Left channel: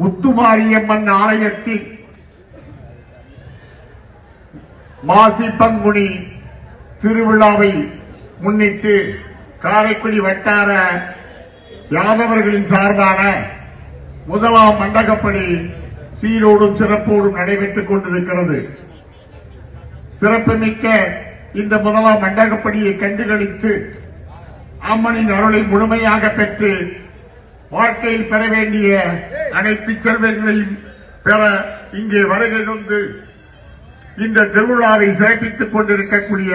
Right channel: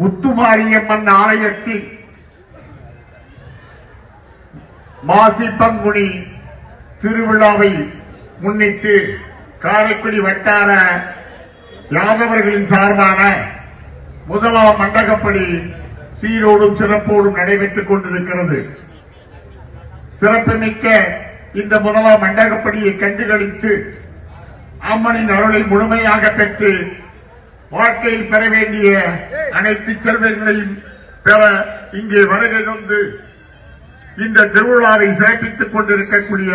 முத்துமாரியம்மன் ஆலயத்தில் மாசி பங்குனி திருவிழாவை முன்னிட்டு காரைக்குடி வட்டார யாதவர்களின் சார்பான முதலாம் மண்டகப்படி சீரோடும் சிறப்போடும் நடைபெற்றுக் கொண்டிருக்கிறது. சிறப்புமிக்க இந்த முதலாம் மண்டகப்படியை கண்டுகளித்து அம்மனின் அருளை முழுமையாக பெற்று வாழ்க்கையில் பெற வேண்டிய அனைத்து செல்வங்களையும் பெற இங்கே வருகை தந்து இந்த திருவிழாவை சிறப்பித்துக் கொண்டிருக்கக்கூடிய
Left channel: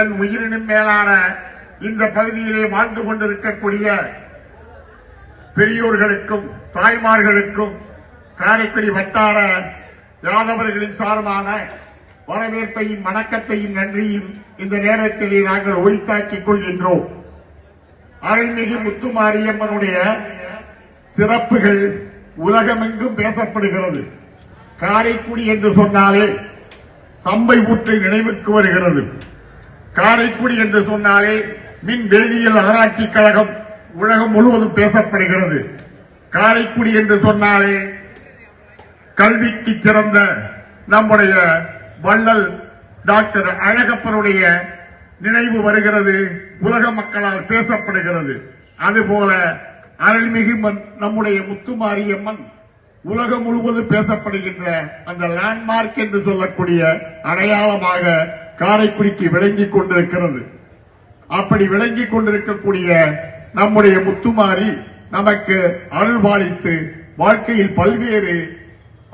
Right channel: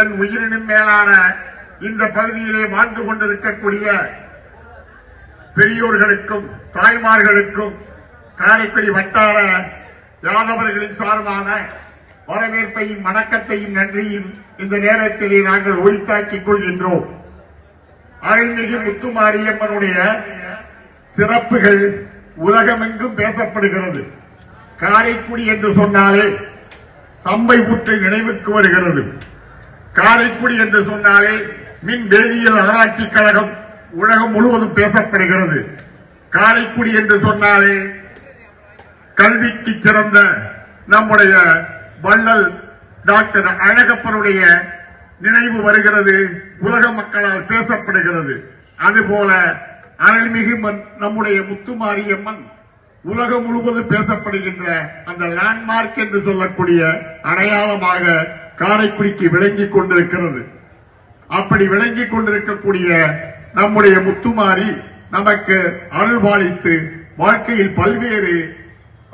என் உயிரினும் மேலான இந்த பகுதியிலே வாழ்ந்து கொண்டிருக்கக்கூடிய பெரியோர்களுக்கும் தாய்மார்களுக்கும் காரைக்குடி வட்டார யாதவர்களின் சார்பான வரவேற்பையும் வணக்கத்தையும் நன்றியும் இந்த நேரத்திலே நாங்கள் உரித்தாக்கிக் கொள்கின்றோம். அருள்மிகு முத்துமாரியம்மனுடைய சிறப்புகள் உலகமெங்கும் பேசப்படுகிறது. காரைக்குடி என்று சொன்னாலே சம்பை ஊற்று நினைவுக்கு வருகிறது. காரைக்குடி என்று சொன்னாலே மின் வேதியியல் ஆராய்ச்சி கழகம் உலகம் முழுவதும் பேசப்படுகிறது. காரைக்குடி என்று சொன்னாலே கல்விக்கு சிறந்த நம்முடைய வள்ளல் டாக்டர் அழகப்பனுடைய நினைவு வருகிறது, உலக மக்களால் பேசப்படுகிறது. அதுபோல அருள்மிகு நம்முடைய முத்துமாரியம்மன் உலகம் முழுவதும் பேசப்படுகின்ற அந்த லேண்ட்மார்க் என்று சொல்லக்கூடிய அடையாளமாக காரைக்குடிக்கு விளங்கிக் கொண்டிருக்கிறது. அப்படி விளங்கிக் கொண்டிருக்கக்கூடிய நம்முடைய முத்துமாரி நமக்கு அருள்பாலித்து வாழ்க்கையில் பல்வேறு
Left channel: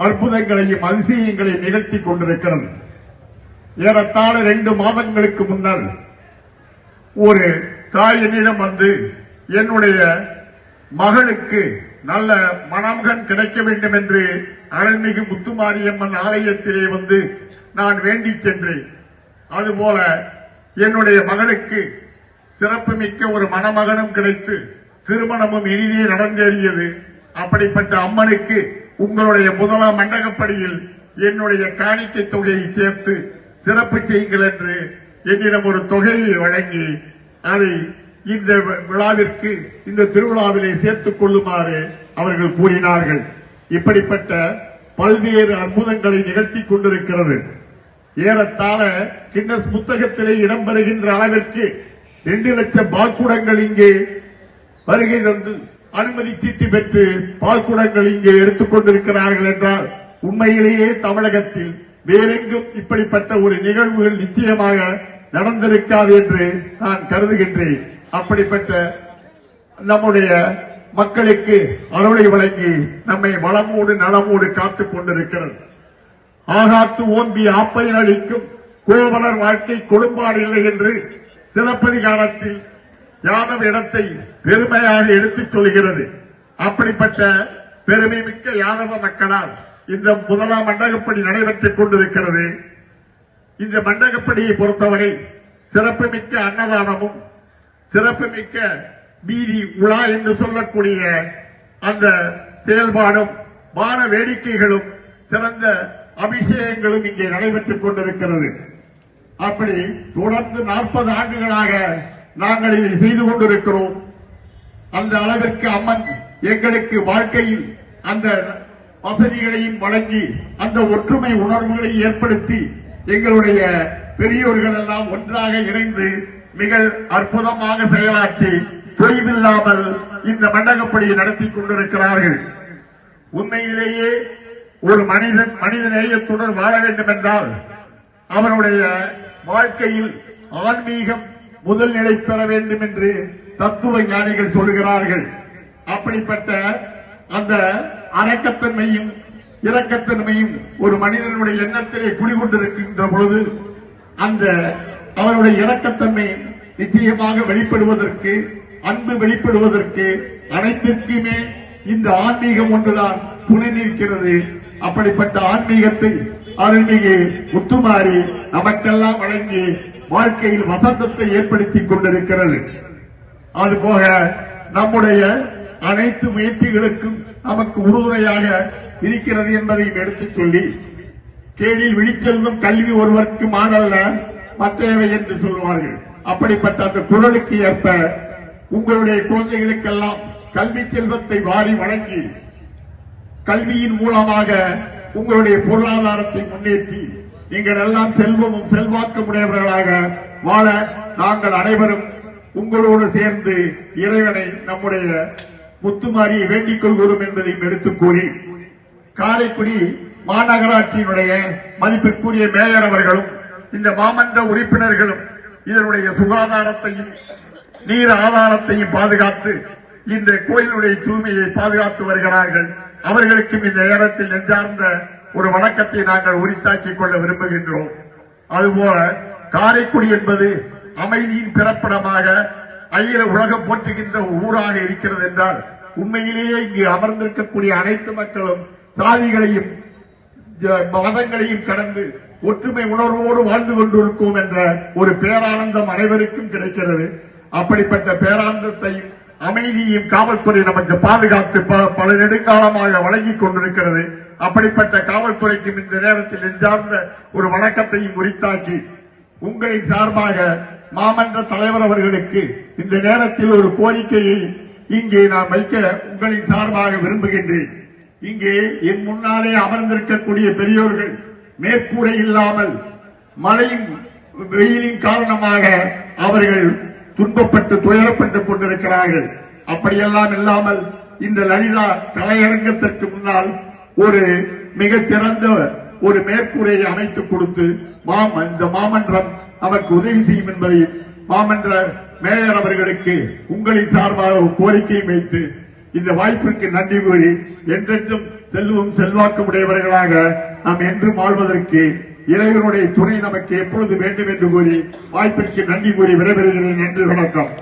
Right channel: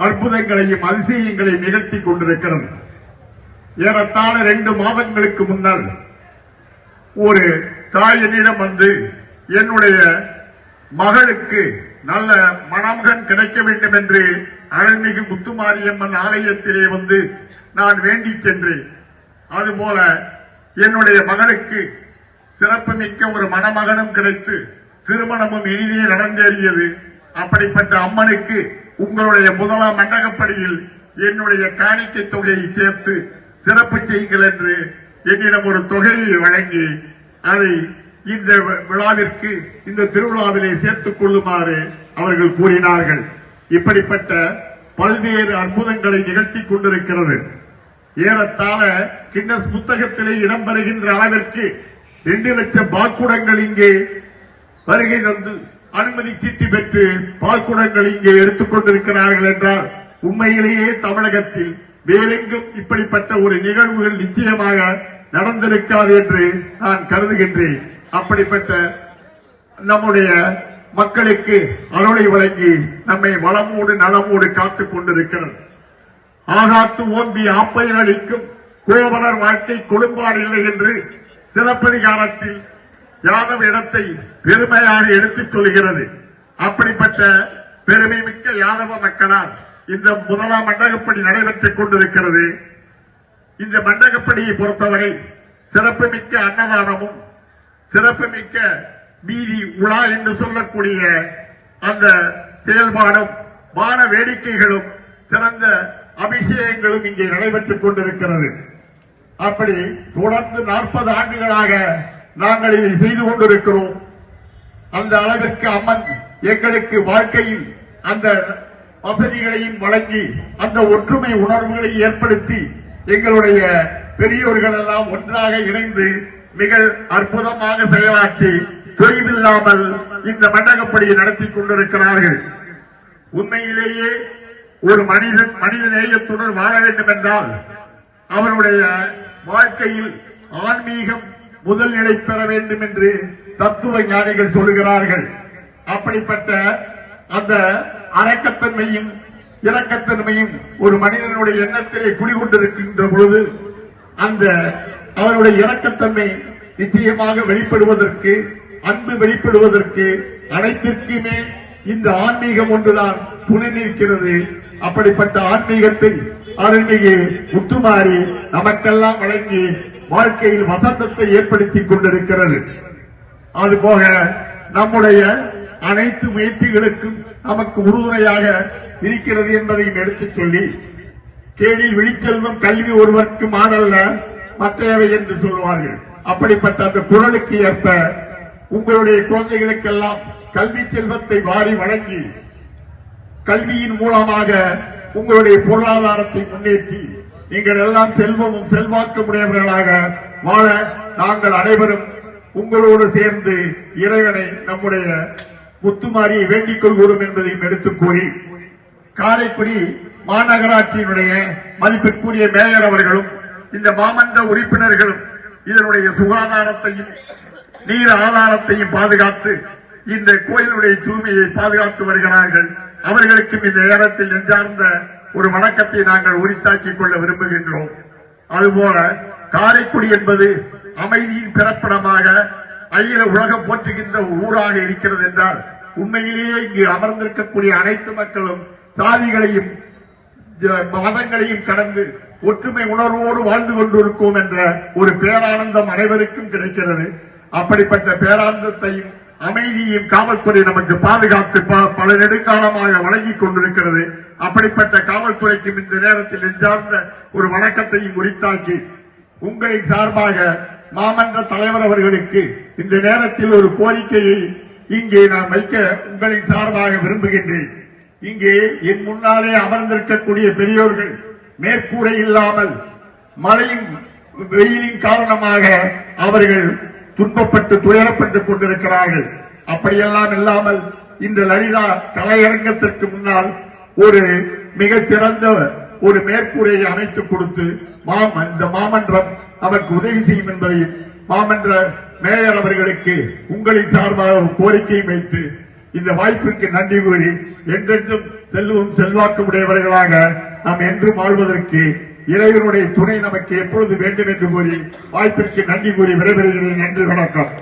அற்புதங்களையும் அதிசயங்களையும் நிகழ்த்திக் கொண்டிருக்கிறது. ஏறத்தாழ 2 மாதங்களுக்கு முன்னர் ஒரு தாய் என்னிடம் வந்து என்னுடைய மகளுக்கு நல்ல மணமகன் கிடைக்க வேண்டும் என்று அருள்மிகு முத்துமாரியம்மன் ஆலயத்திலே வந்து நான் வேண்டிச் சென்றேன். அதுபோல என்னுடைய மகளுக்கு சிறப்புமிக்க ஒரு மணமகனும் கிடைத்து திருமணமும் இனிதே நடந்தேறியது. அப்படிப்பட்ட அம்மனுக்கு உங்களுடைய முதலாம் மண்டகப்படியில் என்னுடைய காணிக்கை தொகையை சேர்த்து சிறப்பு செய்யுங்கள் என்று என்னிடம் ஒரு தொகையை வழங்கி அதை இந்த விழாவிற்கு இந்த திருவிழாவிலே சேர்த்துக் கொள்ளுமாறு அவர்கள் கூறினார்கள். இப்படிப்பட்ட பல்வேறு அற்புதங்களை நிகழ்த்திக் கொண்டிருக்கிறது. ஏறத்தாழ கின்னஸ் புத்தகத்திலே இடம்பெறுகின்ற அளவிற்கு 2 லட்சம் பால்குடங்கள் இங்கே வருகை தந்து அனுமதி சீட்டு பெற்று பால்குடங்கள் இங்கே எடுத்துக் கொண்டிருக்கிறார்கள் என்றால் உண்மையிலேயே தமிழகத்தில் வேறெங்கும் இப்படிப்பட்ட ஒரு நிகழ்வுகள் நிச்சயமாக நடந்திருக்காது என்று நான் கருதுகின்றேன். அப்படிப்பட்ட நம்முடைய மக்களுக்கு அருளை வழங்கி நம்மை வளமோடு நலமோடு காத்துக் கொண்டிருக்கிறது. ஆகாத்து ஓம்பி ஆப்பையில் அளிக்கும் கோவலர் வாழ்க்கை கொடும்பாடு இல்லை என்று சிலப்பதிகாரத்தில் யாதவ இடத்தை பெருமையாக எடுத்துச் சொல்கிறது. அப்படிப்பட்ட பெருமை மிக்க யாதவ மக்களால் இந்த முதலாம் மண்டகப்படி நடைபெற்றுக் கொண்டிருக்கிறது. இந்த மண்டகப்படியை பொறுத்தவரை சிறப்புமிக்க அன்னதானமும் சிறப்புமிக்க வீதி உலா என்று சொல்லக்கூடிய அந்த செயல்பாடும் வான வேடிக்கைகளும் சிறந்த அபிஷேகங்களும் இங்கே நடைபெற்றுக் கொண்டிருக்கிறது. அப்படி தொடர்ந்து 40 ஆண்டுகளாக நாங்கள் இதை செய்து கொண்டிருக்கிறோம். அந்த அளவிற்கு அம்மன் எங்களுக்கு வாழ்க்கையில் அந்த வசதிகளையும் வழங்கி அந்த ஒற்றுமை உணர்வுகளை ஏற்படுத்தி எங்களுடைய பெரியோர்கள் எல்லாம் ஒன்றாக இணைந்து மிக அற்புதமாக செயலாற்றி தொய்வில்லாமல் இந்த மண்டகப்படியை நடத்தி கொண்டிருக்கிறார்கள். உண்மையிலேயே ஒரு மனித நேயத்துடன் வாழ வேண்டும் என்றால் அவருடைய வாழ்க்கையில் ஆன்மீகம் முதல் நிலை பெற வேண்டும் என்று தத்துவ ஞானிகள் சொல்கிறார்கள். அப்படிப்பட்ட அந்த அரக்கத்தன்மையும் இரக்கத்தன்மையும் ஒரு மனிதனுடைய எண்ணத்திலே குடிகொண்டிருக்கின்ற பொழுது அந்த அவருடைய இரக்கத்தன்மை நிச்சயமாக வெளிப்படுவதற்கு அன்பு வெளிப்படுவதற்கு அனைத்திற்குமே இந்த ஆன்மீகம் ஒன்றுதான் துணை நிற்கிறது. அப்படிப்பட்ட ஆன்மீகத்தை அருள்மிகு முத்துமாரி நமக்கெல்லாம் வழங்கி வாழ்க்கையில் வசந்தத்தை ஏற்படுத்திக் கொண்டிருக்கிறது. அதுபோக நம்முடைய அனைத்து முயற்சிகளுக்கும் நமக்கு உறுதுணையாக இருக்கிறது என்பதையும் எடுத்துச் சொல்லி கேளில் விழிச்செல்வம் கல்வி ஒருவருக்கு மாடல்ல மற்றையவை என்று சொல்வார்கள். அப்படிப்பட்ட அந்த குரலுக்கு ஏற்ப உங்களுடைய குழந்தைகளுக்கெல்லாம் கல்வி செல்வத்தை வாரி வழங்கி கல்வியின் மூலமாக உங்களுடைய பொருளாதாரத்தை முன்னேற்றி நீங்கள் எல்லாம் செல்வமும் செல்வாக்கும் உடையவர்களாக வாழ நாங்கள் அனைவரும் உங்களோடு சேர்ந்து இறைவனை நம்முடைய முத்துமாரியை வேண்டிக் கொள்கிறோம் என்பதையும் எடுத்துக் கூறி, காரைக்குடி மாநகராட்சியினுடைய மதிப்பிற்குரிய மேயர் அவர்களும் இந்த மாமன்ற உறுப்பினர்களும் இதனுடைய சுகாதாரத்தையும் நீர் ஆதாரத்தையும் பாதுகாத்து இந்த கோயிலுடைய தூய்மையை பாதுகாத்து வருகிறார்கள். அவர்களுக்கும் இந்த நேரத்தில் நெஞ்சார்ந்த ஒரு வணக்கத்தை நாங்கள் உரித்தாக்கிக் கொள்ள விரும்புகின்றோம். அதுபோல காரைக்குடி என்பது அமைதியின் பிறப்பிடமாக அகில உலகம் போற்றுகின்ற ஊராக இருக்கிறது என்றால், உண்மையிலேயே இங்கு அமர்ந்திருக்கக்கூடிய அனைத்து மக்களும் சாதிகளையும் மதங்களையும் கடந்து ஒற்றுமை உணர்வோடு வாழ்ந்து கொண்டிருக்கும் என்ற ஒரு பேரானந்தம் அனைவருக்கும் கிடைக்கிறது. அப்படிப்பட்ட பேரானந்தத்தையும் அமைதியையும் காவல்துறை நமக்கு பாதுகாத்து பல நெடுங்காலமாக வழங்கிக் கொண்டிருக்கிறது. அப்படிப்பட்ட காவல்துறைக்கும் இந்த நேரத்தில் நெஞ்சார்ந்த ஒரு வணக்கத்தையும் உரித்தாக்கி, உங்களின் சார்பாக மாமன்ற தலைவர் அவர்களுக்கு இந்த நேரத்தில் ஒரு கோரிக்கையை இங்கே நான் வைக்க உங்களின் சார்பாக விரும்புகின்றேன். இங்கே என் முன்னாலே அமர்ந்திருக்கக்கூடிய பெரியோர்கள் மேற்கூரை இல்லாமல் மழையும் வெயிலின் காரணமாக அவர்கள் துன்பப்பட்டு துயரப்பட்டுக் கொண்டிருக்கிறார்கள். அப்படியெல்லாம் இல்லாமல் இந்த லலிதா கலையரங்கத்திற்கு முன்னால் ஒரு மிகச்சிறந்த ஒரு மேற்கூரையை அமைத்துக் கொடுத்து இந்த மாமன்றம் அவருக்கு உதவி செய்யும் என்பதை மாமன்ற மேயர் அவர்களுக்கு உங்களின் சார்பாக ஒரு கோரிக்கையை வைத்து இந்த வாய்ப்பிற்கு நன்றி கூறி, என்றென்றும் செல்வம் செல்வாக்கு உடையவர்களாக நாம் என்றும் வாழ்வதற்கு இறைவனுடைய துணை நமக்கு எப்பொழுது வேண்டும் என்று கூறி வாய்ப்பிற்கு நன்றி கூறி விடைபெறுகிறேன். நன்றி, வணக்கம்.